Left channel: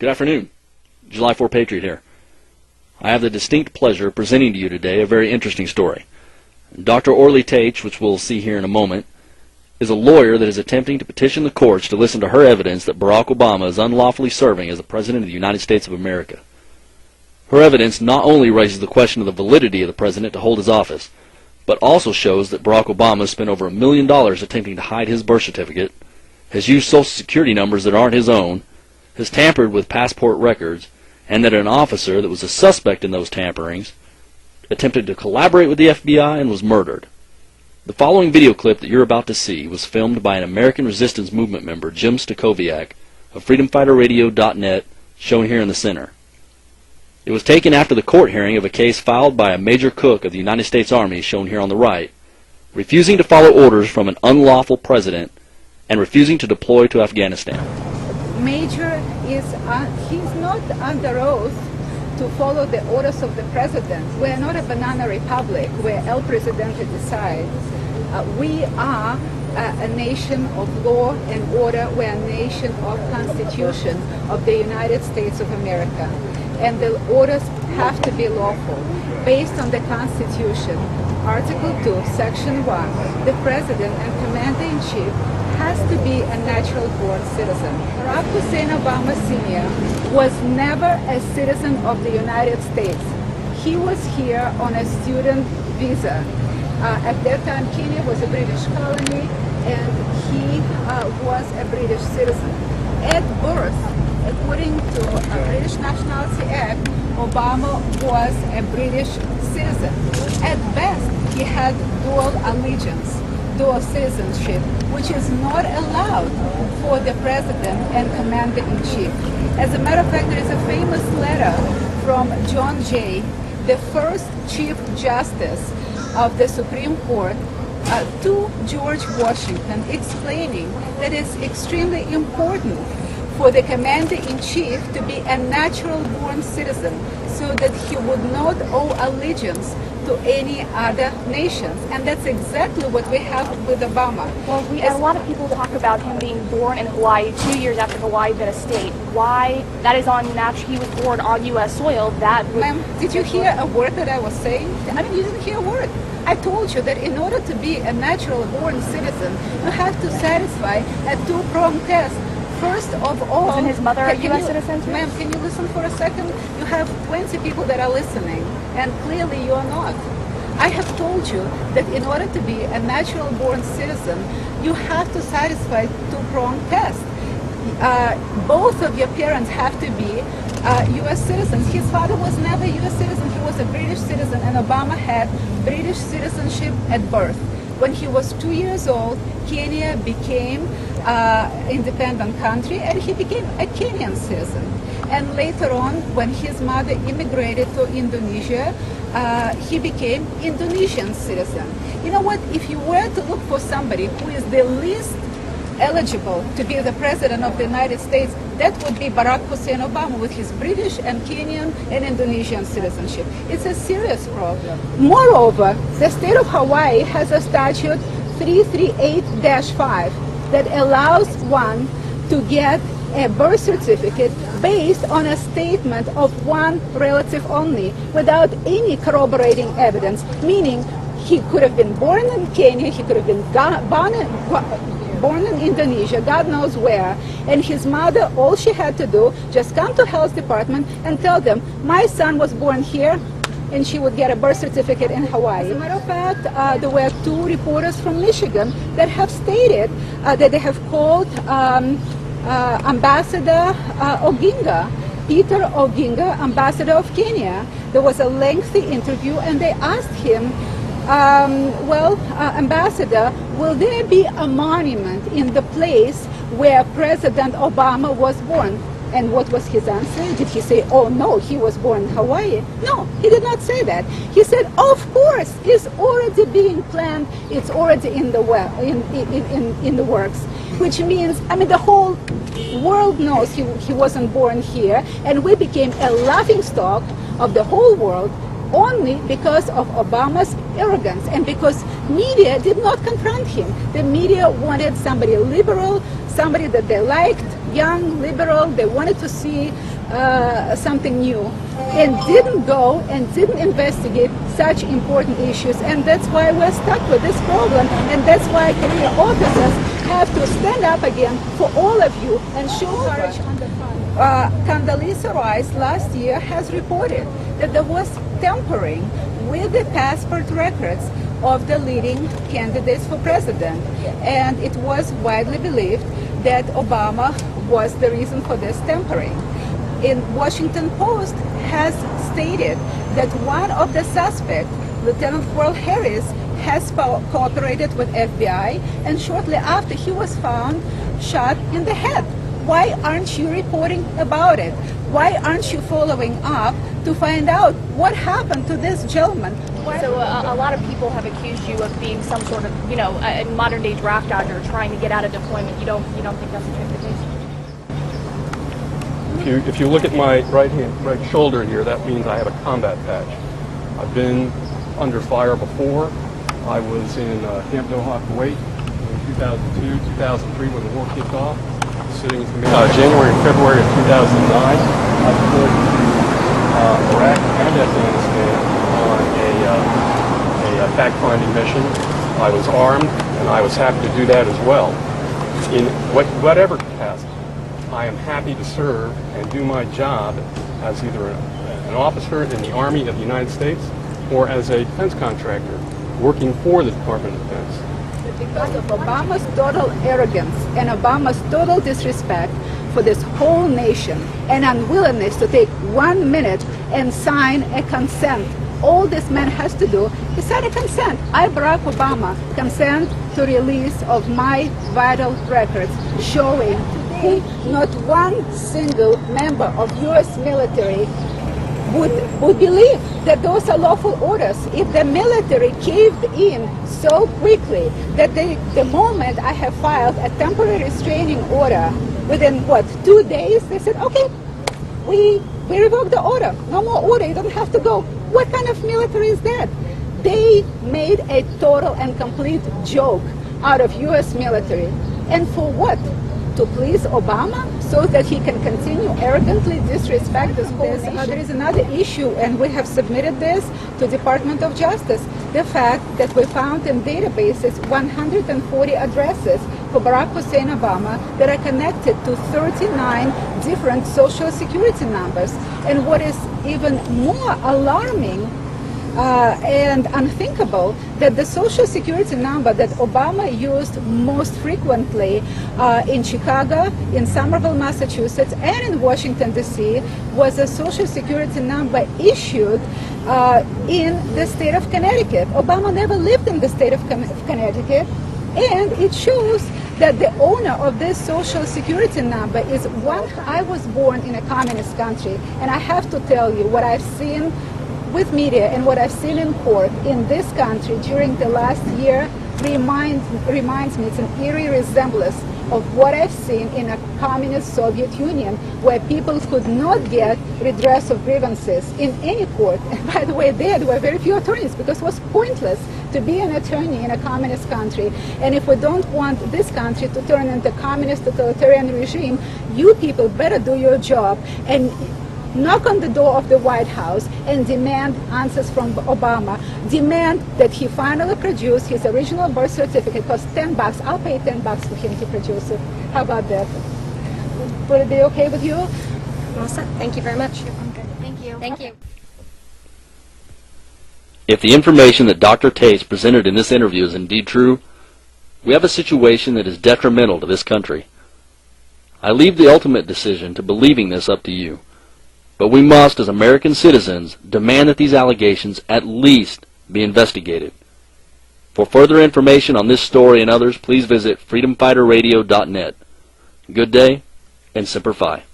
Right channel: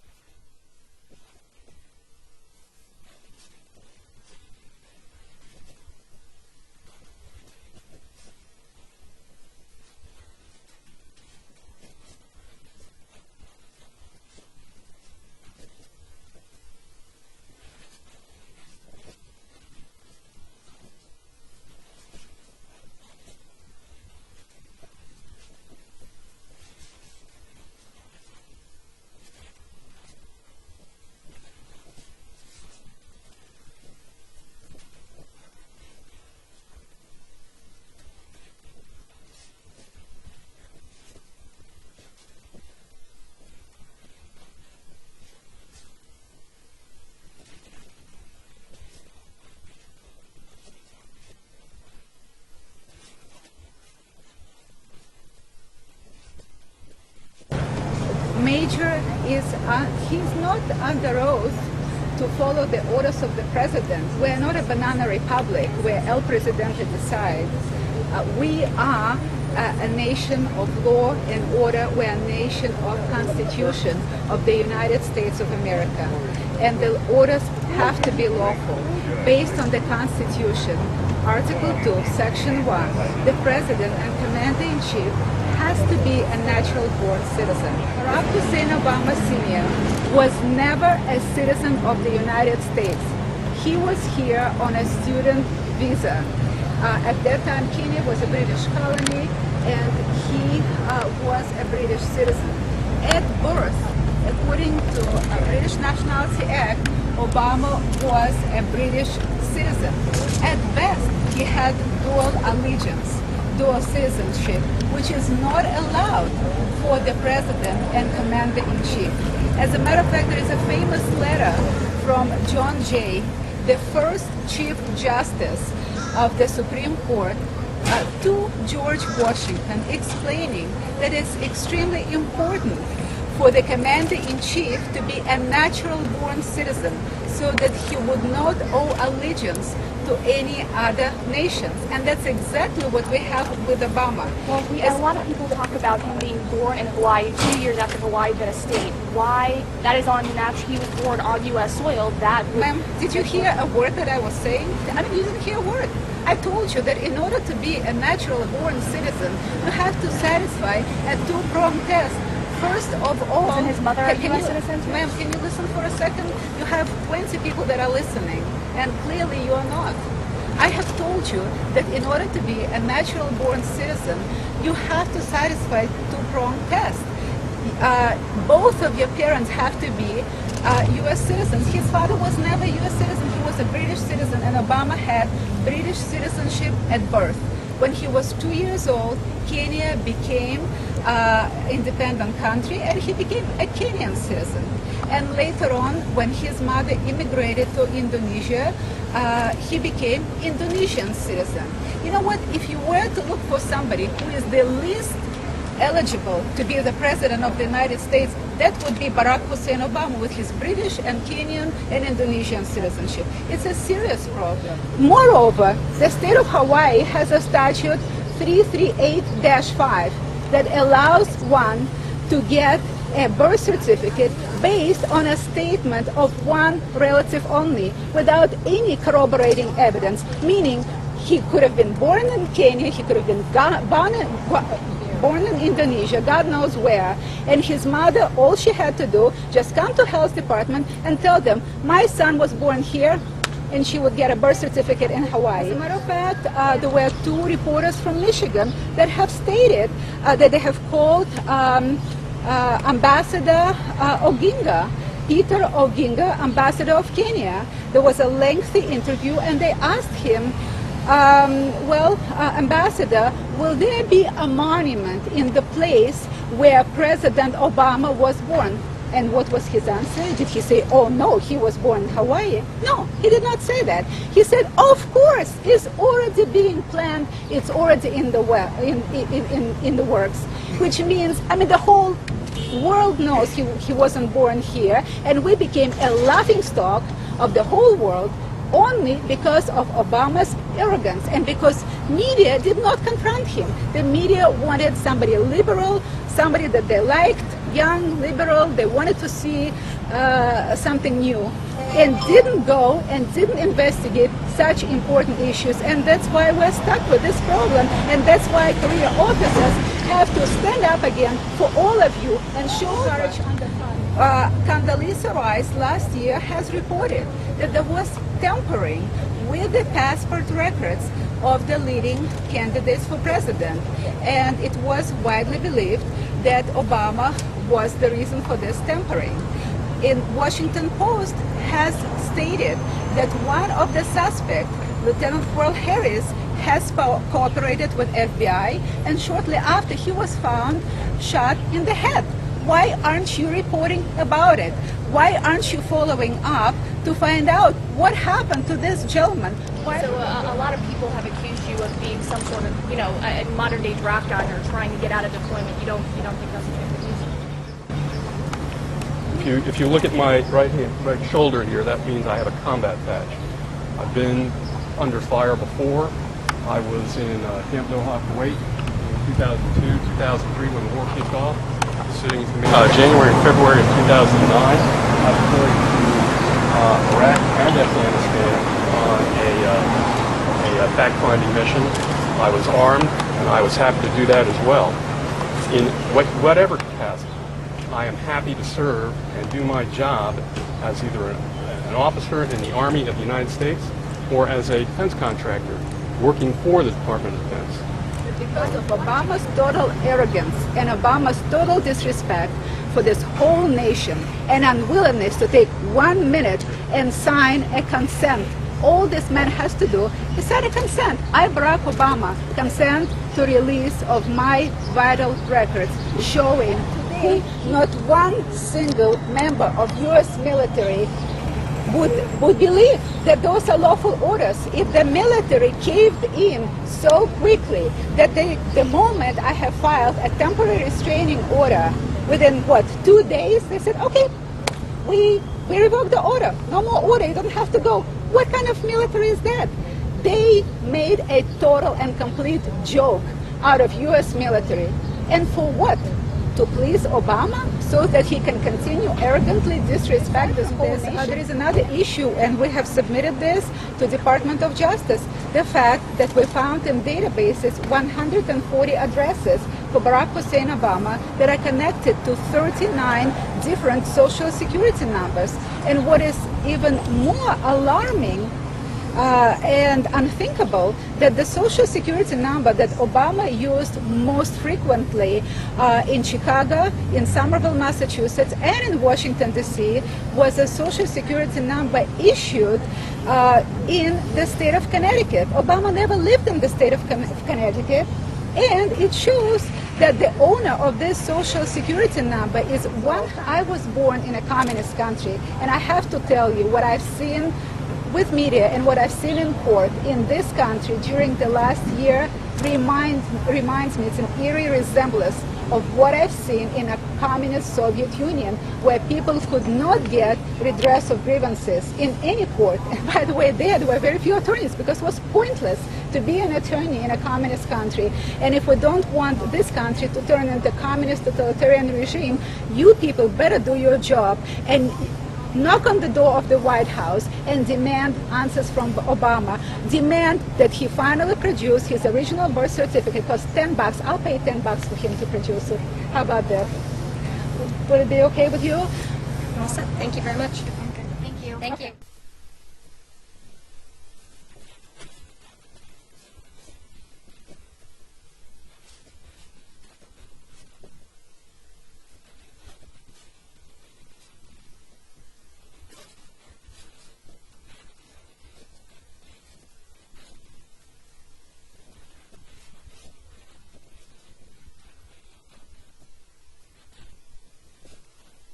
Good afternoon. July 4 Patriot here. I have the distinct pleasure of presenting to you today a very interesting story. Dr. Orly Taitz, which we'll see here in a moment, is a lawyer that is attempting to petition the courts to listen to her evidence that Barack Obama is unlawfully serving as the President of the United States of America. Her evidence not only raises the question of the validity of the President to hold his office, but also shows that Barack Obama has spent over $1 million attempting to hide his birth certificate, has used Social Security numbers that aren't his own, has tampered with passport records, and that an officer that was a suspect in those tamperings attempted to collaborate with the FBI and was murdered. The following video clip that you're about to see was filmed by an American Resistance Movement member, Jim Stacoviak, of freedomfighterradio.net, shown here in the center. It was taken after the court hearing of a case filed by a Major Cook of the United States Army, shown here on the right, refusing to follow orders from an unlawful president and refusing to deploy to Afghanistan. Major is, he's not under oath to follow the orders of the president. We're not a banana republic where El Presidente decides. We are a nation of law and order. We're a nation of Constitution of the United States of America. And the orders have to be lawful. Based on the Constitution, Article 2, Section 1, the president and commander-in-chief has to be a natural-born citizen. Barack Hussein Obama Sr. was never a citizen of the United States. He was here on a student visa. At that time, Kenya was a British colony, and he was a British citizen. At birth, according to a British Nationality Act, Obama was a British citizen. At best, he had dual allegiance, dual citizenship, which is not allowed for the president and commander-in-chief. As a matter of fact, there is a famous letter from John Jay, the first Chief Justice of the Supreme Court, to George Washington, explaining that it's extremely important for the commander-in-chief to be a natural-born citizen so that he would not owe allegiance to any other nations. And that's exactly what we have with Obama. Well, a lot of people talk about him being born in Hawaii 2 years after Hawaii been a state. Why? That is on natural. He was born on U.S. soil. That would... Ma'am, did you hear a word that I was saying? I mean, you didn't hear a word. I told you that in order to be a natural-born citizen, you have to satisfy a two-pronged test. First of all, isn't his mother a U.S. citizen? Ma'am, can you listen for a second? You have 20 people that are listening, and clearly you are not. I have told you that in order to be a natural-born citizen, you have to satisfy two-pronged test. Both of your parents have to be U.S. citizens. His father was never a U.S. citizen. He was a British citizen, and Obama had British citizenship at birth. When he was 2 years old, Kenya became independent country, and he became a Kenyan citizen. And later on, when his mother immigrated to Indonesia, he became Indonesian citizen. You know what? If you were to look for somebody who is the least eligible to be the president of the United States, that would be Barack Hussein Obama with his British and Kenyan and Indonesian citizenship. It's a serious problem. Moreover, the state of Hawaii has a statute 338-5 that allows one to get a birth certificate based on a statement of one relative only, without any corroborating evidence, meaning he could have been born in Kenya, he could have been born in Indonesia, God knows where, and his mother, all she had to do, just come to health department and tell them, my son was born here, and she would get a birth certificate in Hawaii. As a matter of fact, there were two reporters from Michigan that have stated that they have called Ambassador Oginga, Peter Oginga, Ambassador of Kenya. There was a lengthy interview, and they asked him, Ambassador, will there be a monument in the place where President Obama was born? And what was his answer? Did he say, oh no, he was born in Hawaii? No, he did not say that. He said, of course, it's already being planned, it's already in the works. Which means, I mean, the whole world knows he wasn't born here, and we became a laughingstock of the whole world only because of Obama's arrogance and because media did not confront him. The media wanted somebody liberal, somebody that they liked, young, liberal. They wanted to see something new, and didn't go and didn't investigate such important issues. And that's why we're stuck with this problem. And that's why career officers have to stand up again for all of you and show courage under fire. Condoleezza Rice last year has reported that there was tampering with the passport records of the leading candidates for president. And it was widely believed that Obama was the reason for this tampering. In Washington Post has stated that one of the suspects, Lieutenant Colonel Harris, has cooperated with FBI, and shortly after he was found shot in the head. Why aren't you reporting about it? Why aren't you following up to find out what happened to this gentleman? So a lot of people have accused you of being some sort of, a modern-day draft dodger trying to get out of deployment. You don't think that's the case? If you look at my right shoulder here, that means I have a combat patch. I've been under fire before. I was in Camp Doha, Kuwait in 2002, 2003 when the war kicked off. Sitting in command. January and February of 2009, I deployed to Iraq and Afghanistan on a fact-finding mission. I was armed, and I was happy to do that as well. In whatever capacity, I am happy to serve and do my job as either an officer in the Army of the United States or as a defense contractor working for the Department of Defense. Because of Obama's total arrogance and Obama's total disrespect for this whole nation and unwillingness to take 1 minute and sign a consent. All this man has to do is sign a consent. I, Barack Obama, consent to release of my vital records showing today not one single member of U.S. military would believe that those are lawful orders. If the military caved in so quickly that the moment I have filed a temporary restraining order, within 2 days, they said, okay, we revoke the order. No more order, you don't have to go. What kind of military is that? They made a total and complete joke out of U.S. military. And for what? To please Obama so that he can continue arrogantly disrespect this whole nation. There is another issue, and we have submitted this to Department of Justice. The fact that we found in databases 140 addresses for Barack Hussein Obama that are connected to 39 different social security numbers. And what is even more alarming and unthinkable, that the social security number that Obama used most frequently in Chicago, in Somerville, Massachusetts, and in Washington, D.C. was a social security number issued in the state of Connecticut. Obama never lived in the state of Connecticut, and it shows that the owner of this social security number is one. I was born in a communist country, and I have to tell you what I've seen with media and what I've seen in court in this country during the last year reminds me, it's an eerie resemblance of what I've seen in a communist Soviet Union, where people could not get redress of grievances in any court. And by the way, there were very few attorneys because it was pointless to be an attorney in a communist country. And if we don't want this country to turn into a communist totalitarian regime, you people better do your job and knock on the door of the White House and demand answers from Obama. Demand that he finally produce his original birth certificate. It costs $10. I'll pay $10 for him to produce it. How about that? Would it be okay with you? All set. Thank you very much. Thank you. Thank you. If the information that Dr. Taitz presented in this interview is indeed true, we have a situation that is detrimental to this country. I leave the ultimate decision to believing this up to you. But we must, as American citizens, demand that these allegations at least be investigated. For further information on this story and others, please visit freedomfighterradio.net. Good day, and Semper Fi.